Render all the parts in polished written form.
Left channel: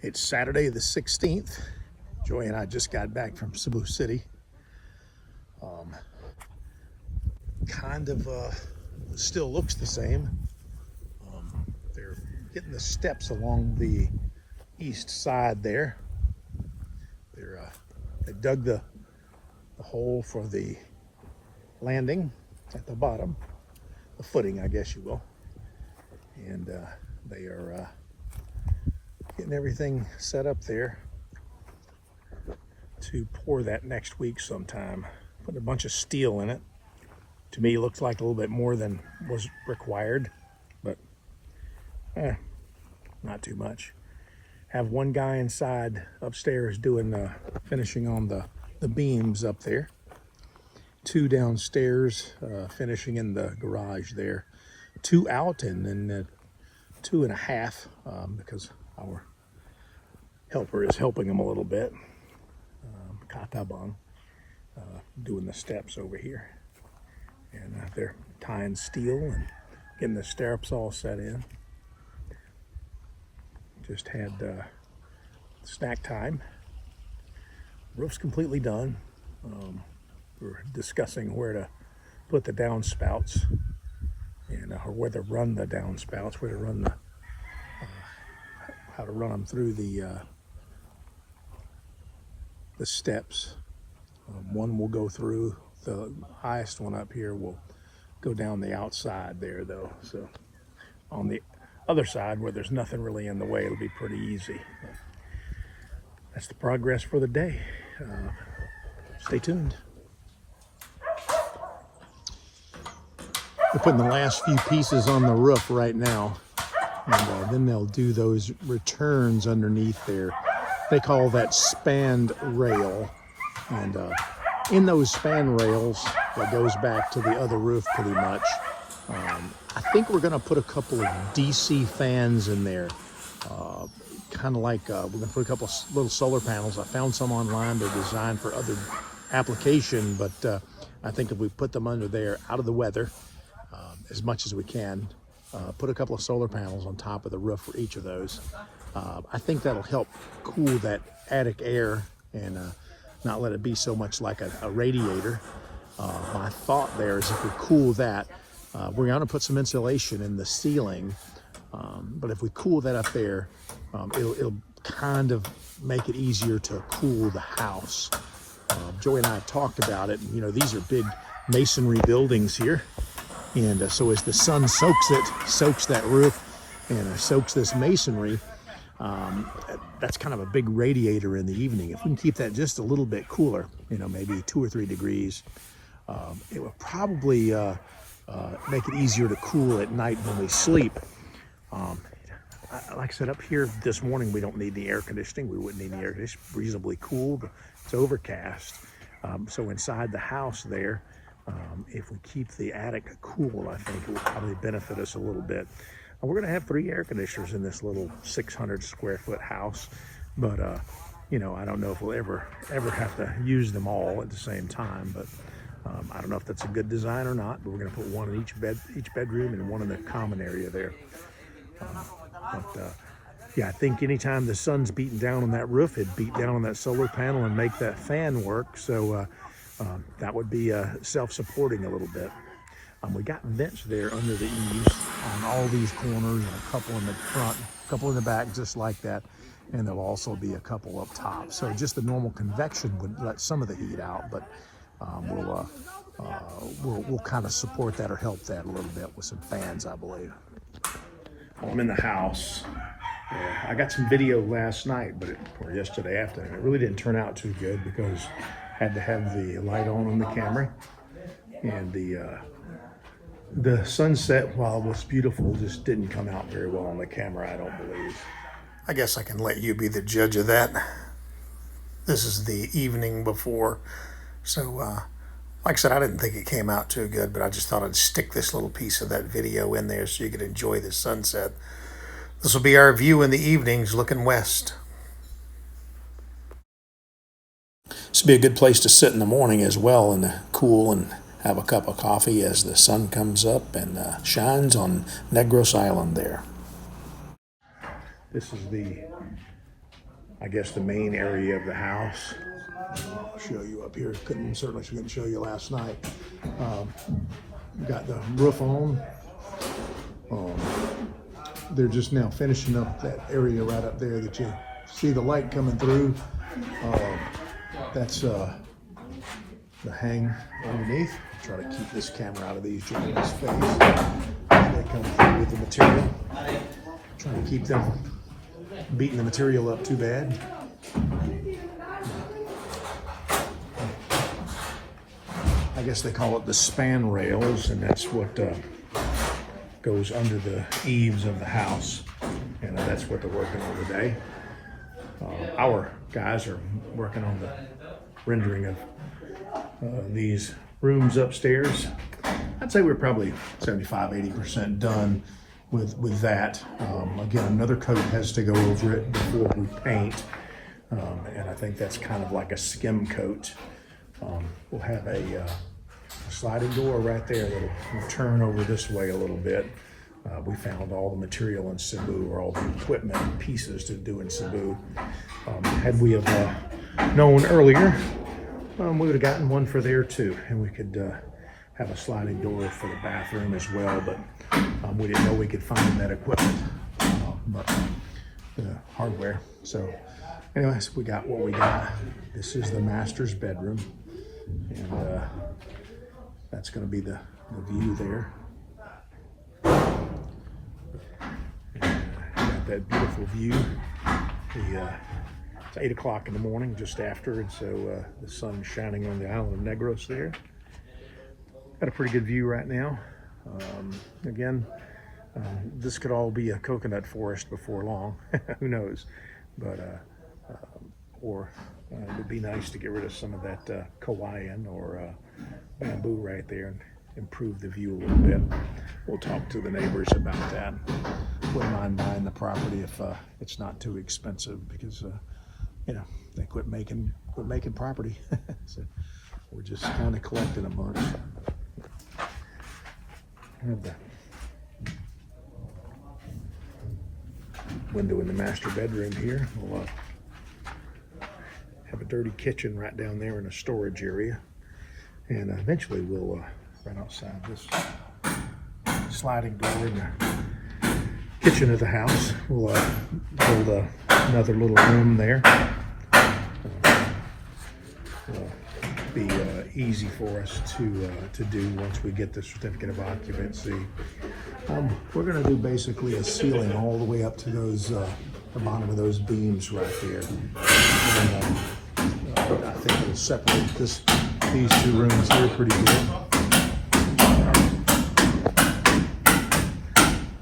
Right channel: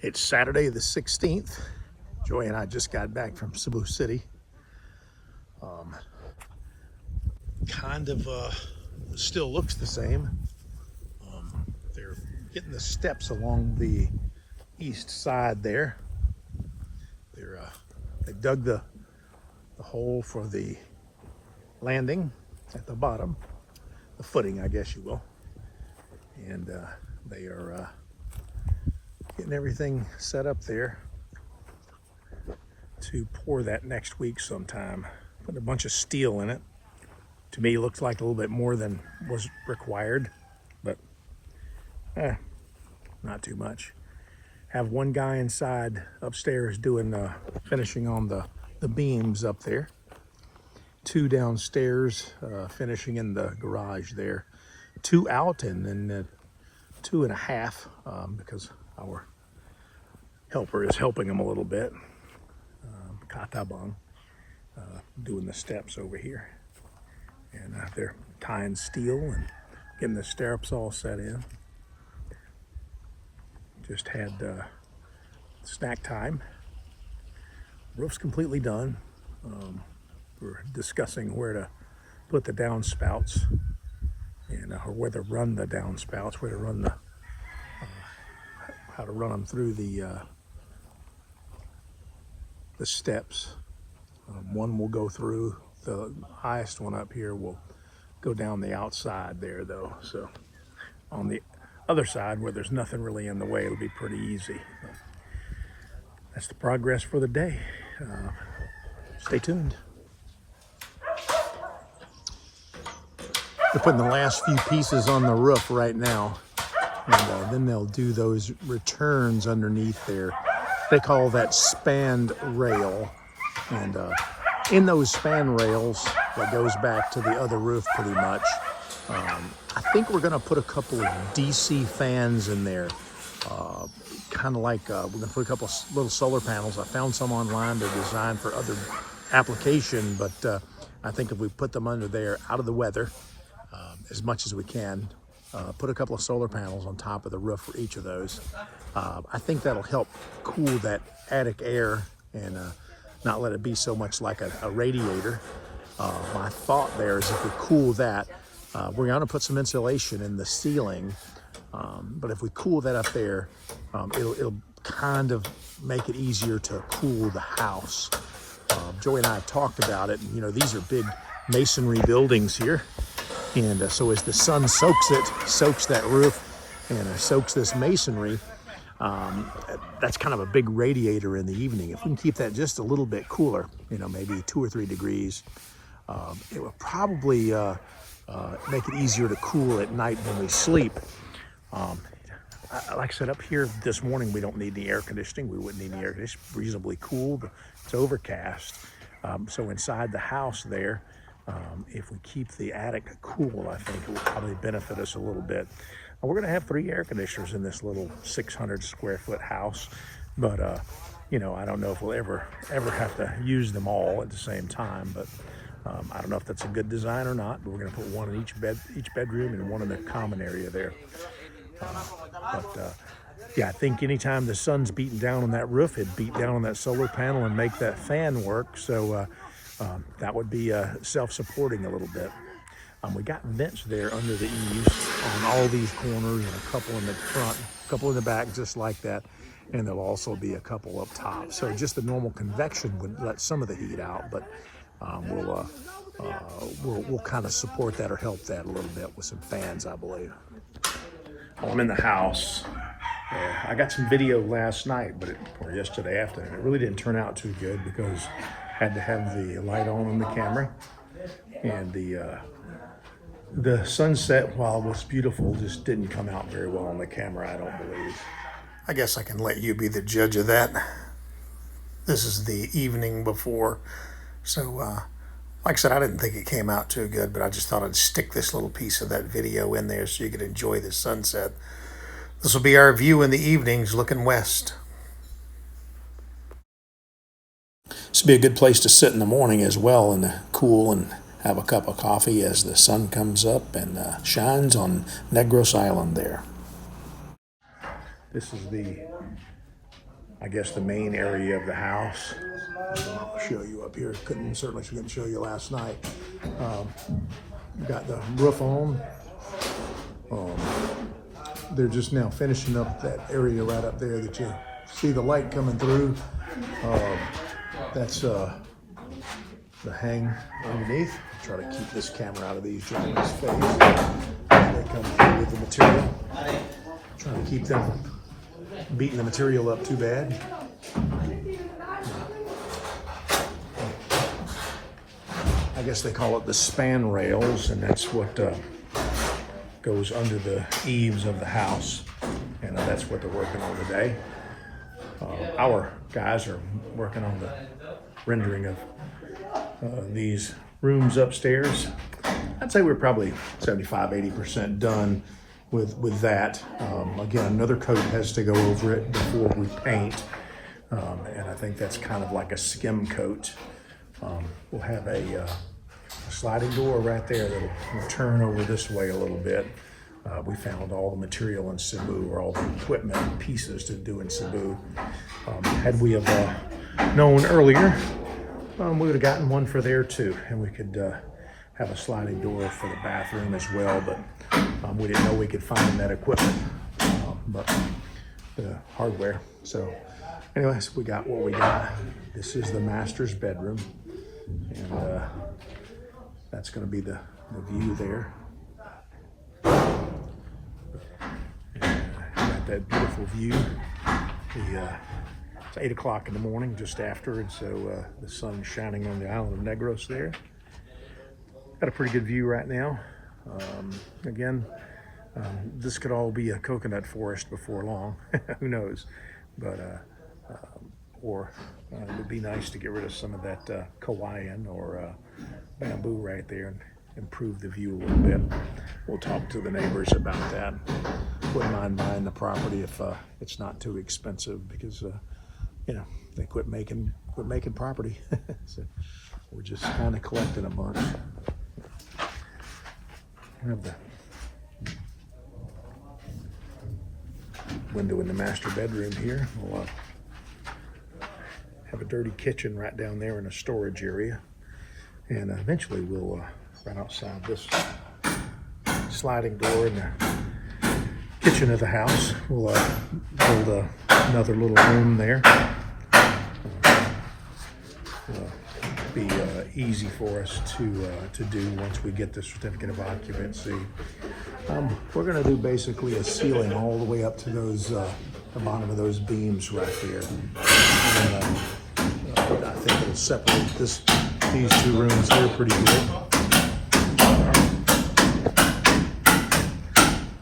It's Saturday the 16th. Joy and I just got back from Cebu City. Kind of still looks the same. They're getting the steps along the east side there. They dug the hole for the landing at the bottom, the footing, I guess you will. And they are getting everything set up there to pour that next week sometime. Put a bunch of steel in it. To me, it looks like a little bit more than was required, but not too much. Have one guy inside upstairs doing finishing on the beams up there. Two downstairs finishing in the garage there. Two out, and then 2.5 because our helper is helping them a little bit. Katabang doing the steps over here. And they're tying steel and getting the stirrups all set in. Just had snack time. Roof's completely done. We're discussing where to put the downspouts and or where to run the downspouts, where to run the how to run them through the steps. One will go through. The highest one up here will go down the outside there, though. So on the other side, where there's nothing really in the way, it'll be pretty easy. But that's the progress for the day. Stay tuned. They're putting the last few pieces on the roof right now, and then they'll do those returns underneath there. They call that spanned rail, and in those span rails that goes back to the other roof pretty much. I think we're gonna put a couple of DC fans in there. Kind of like, we're gonna put a couple of little solar panels. I found some online. They're designed for other application, but I think if we put them under there out of the weather as much as we can, put a couple of solar panels on top of the roof for each of those. I think that'll help cool that attic air and not let it be so much like a radiator. My thought there is if we cool that, we're going to put some insulation in the ceiling, but if we cool that up there, it'll kind of make it easier to cool the house. Joey and I have talked about it, and you know, these are big masonry buildings here, and so as the sun soaks that roof and soaks this masonry, that's kind of a big radiator in the evening. If we can keep that just a little bit cooler, you know, maybe 2 or 3 degrees, it will probably make it easier to cool at night when we sleep. Like I said, up here this morning, we don't need the air conditioning. We wouldn't need the air conditioning. Reasonably cool. It's overcast. So inside the house there, if we keep the attic cool, I think it will probably benefit us a little bit. We're going to have 3 air conditioners in this little 600 square foot house, but you know, I don't know if we'll ever have to use them all at the same time. But I don't know if that's a good design or not. But we're going to put one in each bedroom and one in the common area there. Yeah, I think anytime the sun's beating down on that roof, it'd beat down on that solar panel and make that fan work. So that would be self-supporting a little bit. We got vents there under the eaves on all these corners, and a couple in the front, a couple in the back, just like that. And there'll also be a couple up top. So just the normal convection would let some of the heat out, but we'll kind of support that or help that a little bit with some fans, I believe. Well, I'm in the house. I got some video last night, or yesterday afternoon. It really didn't turn out too good because I had to have the light on the camera, and the sunset, while it was beautiful, just didn't come out very well on the camera, I don't believe. I guess I can let you be the judge of that. This is the evening before, so like I said, I didn't think it came out too good, but I just thought I'd stick this little piece of that video in there so you could enjoy the sunset. This will be our view in the evenings looking west. This would be a good place to sit in the morning as well, in the cool, and have a cup of coffee as the sun comes up and shines on Negros Island there. This is the I guess, the main area of the house. I'll show you up here. Certainly couldn't show you last night. Got the roof on. They're just now finishing up that area right up there that you see the light coming through. That's the hanger underneath. I'm trying to keep this camera out of these gentlemen's face. They come through with the material. Trying to keep them from beating the material up too bad. I guess they call it the span rails, and that's what goes under the eaves of the house, and that's what they're working on today. Our guys are working on the rendering of these rooms upstairs. I'd say we're probably 75–80% done with that. Again, another coat has to go over it before we paint, and I think that's kind of like a skim coat. We'll have a sliding door right there that will turn over this way a little bit. We found all the material in Cebu, or all the equipment and pieces to do in Cebu. Had we have known earlier, we would have gotten one for there too, and we could have a sliding door for the bathroom as well, but we didn't know we could find that equipment, but the hardware. So anyways, we got what we got. This is the master's bedroom, and that's going to be the view there. Got that beautiful view. It's 8 o'clock in the morning, just after, and so the sun's shining on the island of Negros there. Got a pretty good view right now. Again, this could all be a coconut forest before long. Who knows? But or it'd be nice to get rid of some of that kawayan or bamboo right there and improve the view a little bit. We'll talk to the neighbors about that. Wouldn't mind buying the property if it's not too expensive, because you know, they quit making property. So we're just kind of collecting a bunch. We have the window in the master bedroom here. We'll have a dirty kitchen right down there in a storage area, and eventually we'll run outside this sliding door in the kitchen of the house. We'll build another little room there. Be easy for us to do once we get the certificate of occupancy. We're going to do basically a ceiling all the way up to those the bottom of those beams right there. And, I think we'll separate these two rooms here pretty good.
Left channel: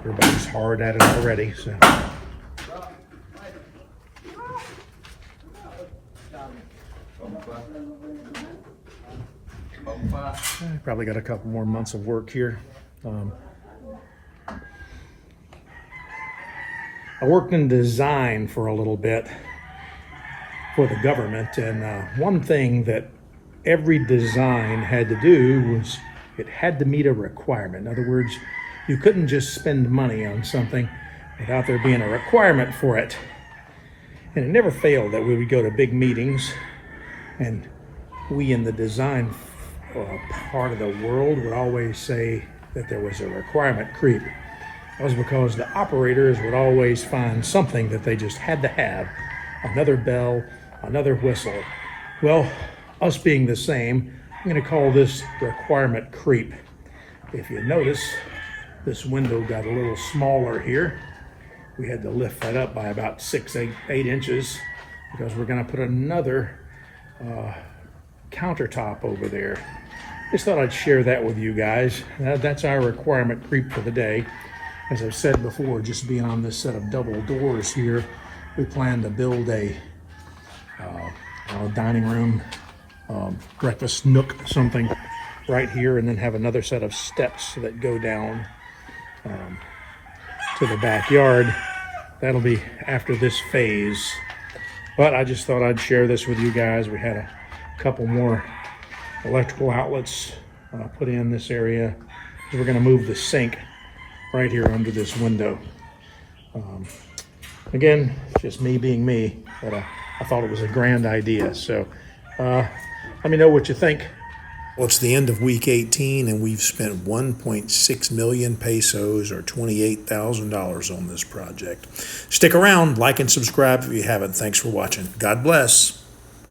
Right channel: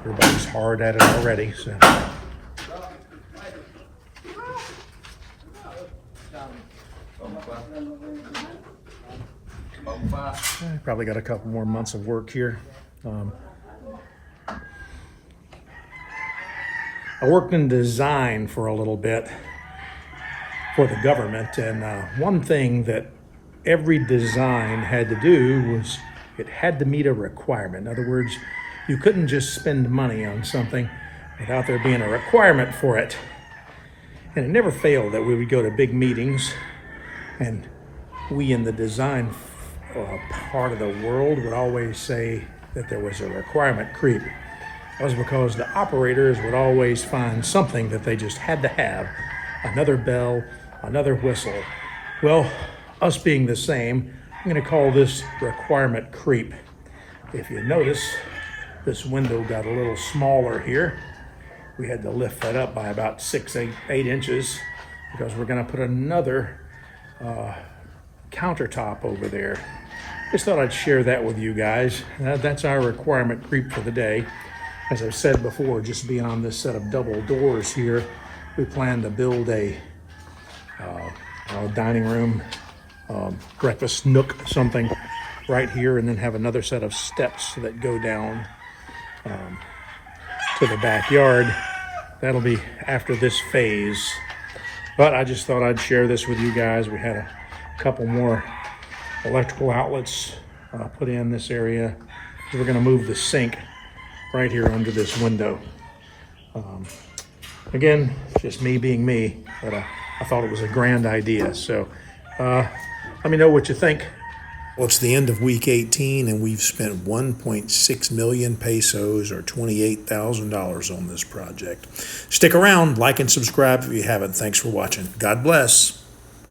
Everybody's hard at it already, so. Probably got a couple more months of work here. I worked in design for a little bit for the government, and one thing that every design had to do was it had to meet a requirement. In other words, you couldn't just spend money on something without there being a requirement for it. And it never failed that we would go to big meetings, and we in the design part of the world would always say that there was a requirement creep. That was because the operators would always find something that they just had to have. Another bell, another whistle. Well, us being the same, I'm going to call this requirement creep. If you notice, this window got a little smaller here. We had to lift that up by about 8 inches, because we're going to put another countertop over there. Just thought I'd share that with you guys. That's our requirement creep for the day. As I said before, just being on this set of double doors here, we plan to build a dining room, breakfast nook, something right here, and then have another set of steps that go down to the backyard. That'll be after this phase. But I just thought I'd share this with you guys. We had a couple more electrical outlets put in this area. We're going to move the sink right here under this window. Again, just me being me, but I thought it was a grand idea. So let me know what you think. Well, it's the end of week 18, and we've spent 1.6 million pesos or $28,000 on this project. Stick around, like and subscribe if you haven't. Thanks for watching. God bless.